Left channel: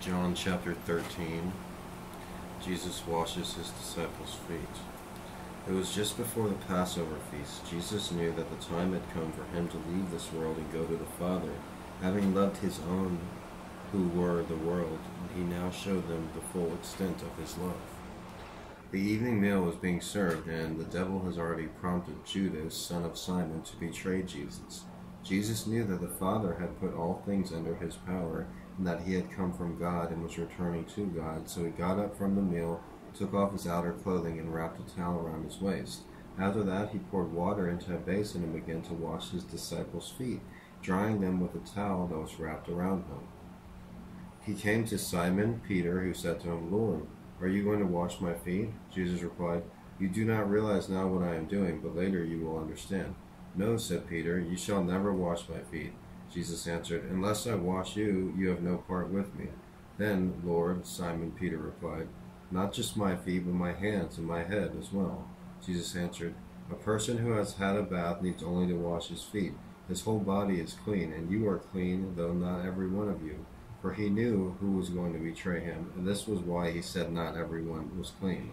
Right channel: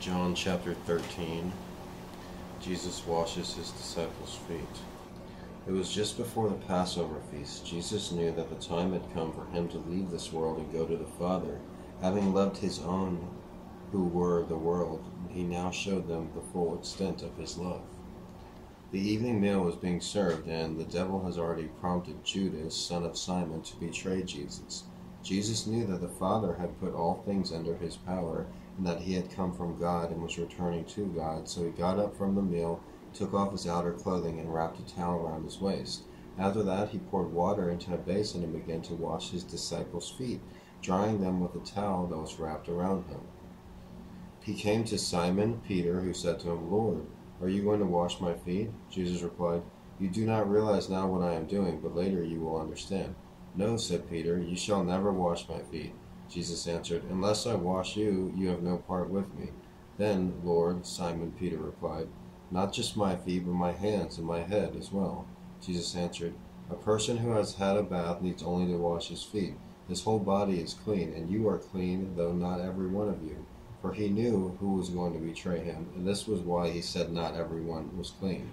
John chapter 13. Jesus washes his disciples' feet. It was just before the Passover feast. Jesus knew that the time had come for him to leave this world and go to the Father. Having loved his own who were the world, he now showed them the full extent of his love. The evening meal was being served, and the devil has already prompted Judas, son of Simon, to betray Jesus. Jesus knew that the Father had put all things under his power, and that he had come from God and was returning to God. So he got up from the meal, took off his outer clothing, and wrapped a towel around his waist. After that, he poured water into a basin and began to wash his disciples' feet, drying them with a towel that was wrapped around him. He came to Simon Peter, who said to him, "Lord, are you going to wash my feet?" Jesus replied, "You do not realize now what I am doing, but later you will understand." "No," said Peter, "you shall never wash my feet." Jesus answered, "Unless I wash you, you have no part with me." "Then, Lord," Simon Peter replied, "not just my feet, but my hands and my head as well." Jesus answered, "A person who has had a bath needs only to wash his feet. His whole body is clean, and you are clean, though not every one of you." For he knew who was going to betray him, and this was why he said not everyone was clean.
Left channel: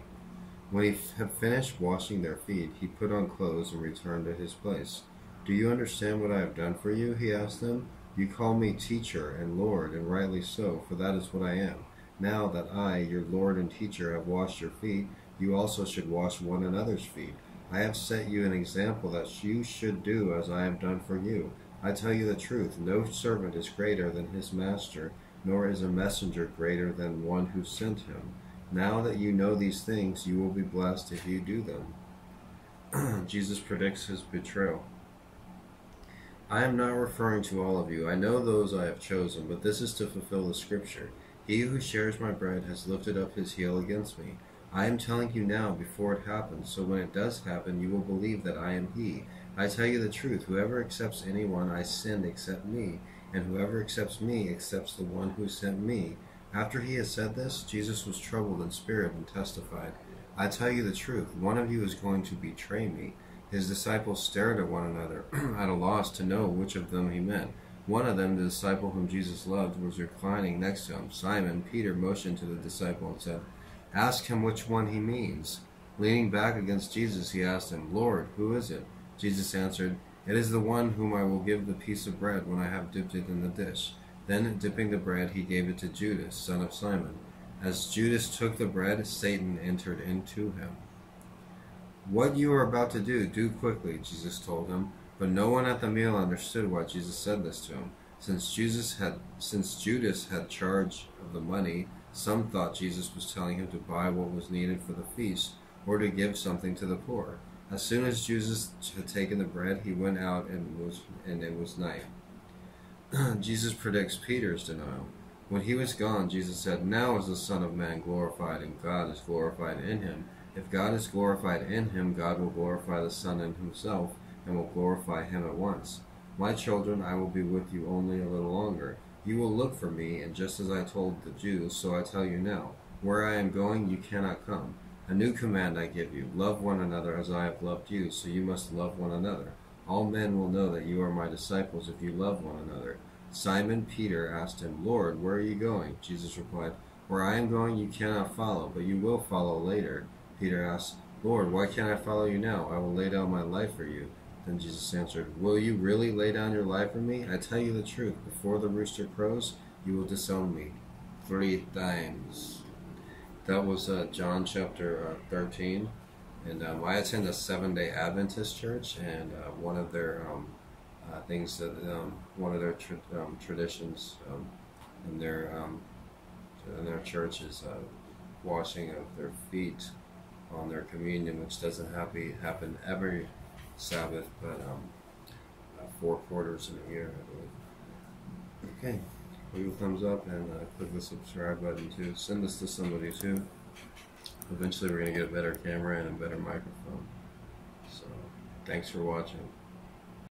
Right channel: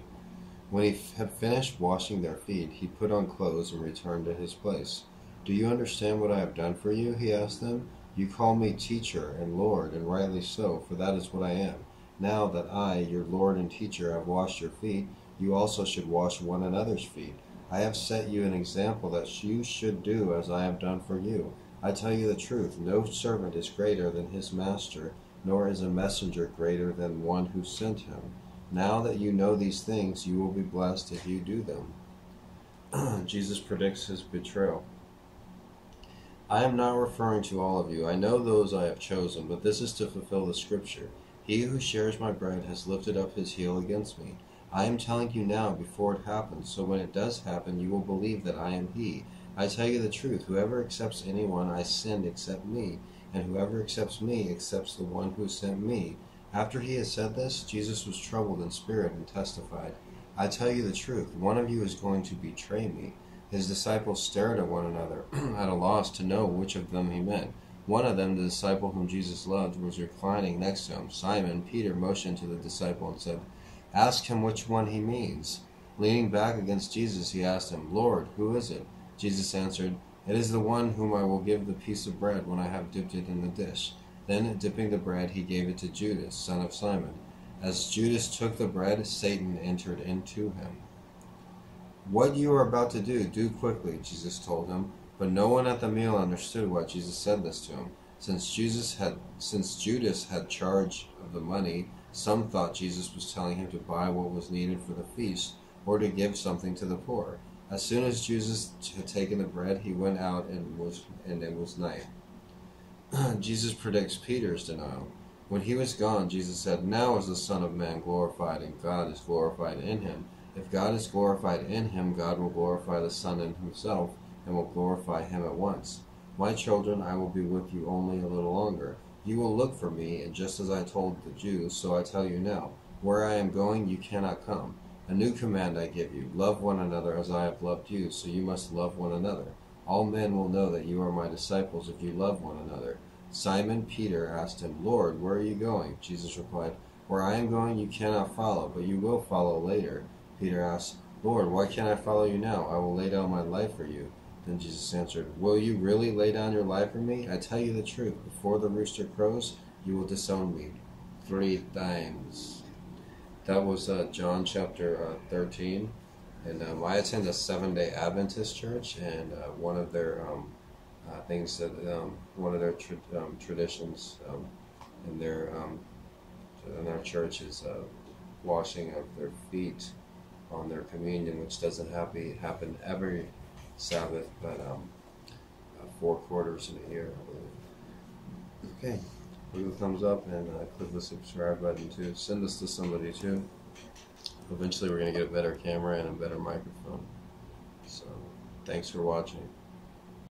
When he had finished washing their feet, he put on clothes and returned to his place. "Do you understand what I have done for you?" he asked them. "You call me teacher and Lord, and rightly so, for that is what I am. Now that I, your Lord and teacher, have washed your feet, you also should wash one another's feet. I have set you an example that you should do as I have done for you. I tell you the truth, no servant is greater than his master, nor is a messenger greater than one who sent him. Now that you know these things, you will be blessed if you do them." Jesus predicts his betrayal. "I am not referring to all of you. I know those I have chosen, but this is to fulfill the scripture. He who shares my bread has lifted up his heel against me. I am telling you now before it happens, so when it does happen, you will believe that I am he. I tell you the truth, whoever accepts anyone I send except me, and whoever accepts me accepts the one who sent me." After he had said this, Jesus was troubled in spirit and testified, "I tell you the truth, one of you is going to betray me." His disciples stared at one another, at a loss to know which of them he meant. One of them, the disciple whom Jesus loved, was reclining next to him. Simon Peter motioned to the disciple and said, "Ask him which one he means." Leaning back against Jesus, he asked him, "Lord, who is it?" Jesus answered, "It is the one whom I will give the piece of bread when I have dipped it in the dish." Then, dipping the bread, he gave it to Judas, son of Simon. As Judas took the bread, Satan entered into him. "What you are about to do, do quickly," Jesus told him. But no one at the meal understood why Jesus said this to him. Since Judas had charge of the money, some thought Jesus was telling him to buy what was needed for the feast, or to give something to the poor. As soon as Judas had taken the bread, he went out, and it was night. Jesus predicts Peter's denial. When he was gone, Jesus said, "Now is the Son of Man glorified, and God is glorified in him. If God is glorified in him, God will glorify the Son in himself, and will glorify him at once. My children, I will be with you only a little longer. You will look for me, and just as I told the Jews, so I tell you now, where I am going, you cannot come. A new command I give you, love one another as I have loved you, so you must love one another. All men will know that you are my disciples if you love one another." Simon Peter asked him, "Lord, where are you going?" Jesus replied, "Where I am going you cannot follow, but you will follow later." Peter asked, "Lord, why can't I follow you now? I will lay down my life for you." Then Jesus answered, "Will you really lay down your life for me? I tell you the truth, before the rooster crows, you will disown me 3 times. That was John chapter 13. And I attend a Seventh-day Adventist church, and one of their things that one of their traditions in their church is washing of their feet on their communion, which doesn't happen every Sabbath, but 4 quarters in a year, I believe. Okay, leave a thumbs up and click the subscribe button too. Send this to somebody too. Eventually we're going to get a better camera and a better microphone. So, thanks for watching.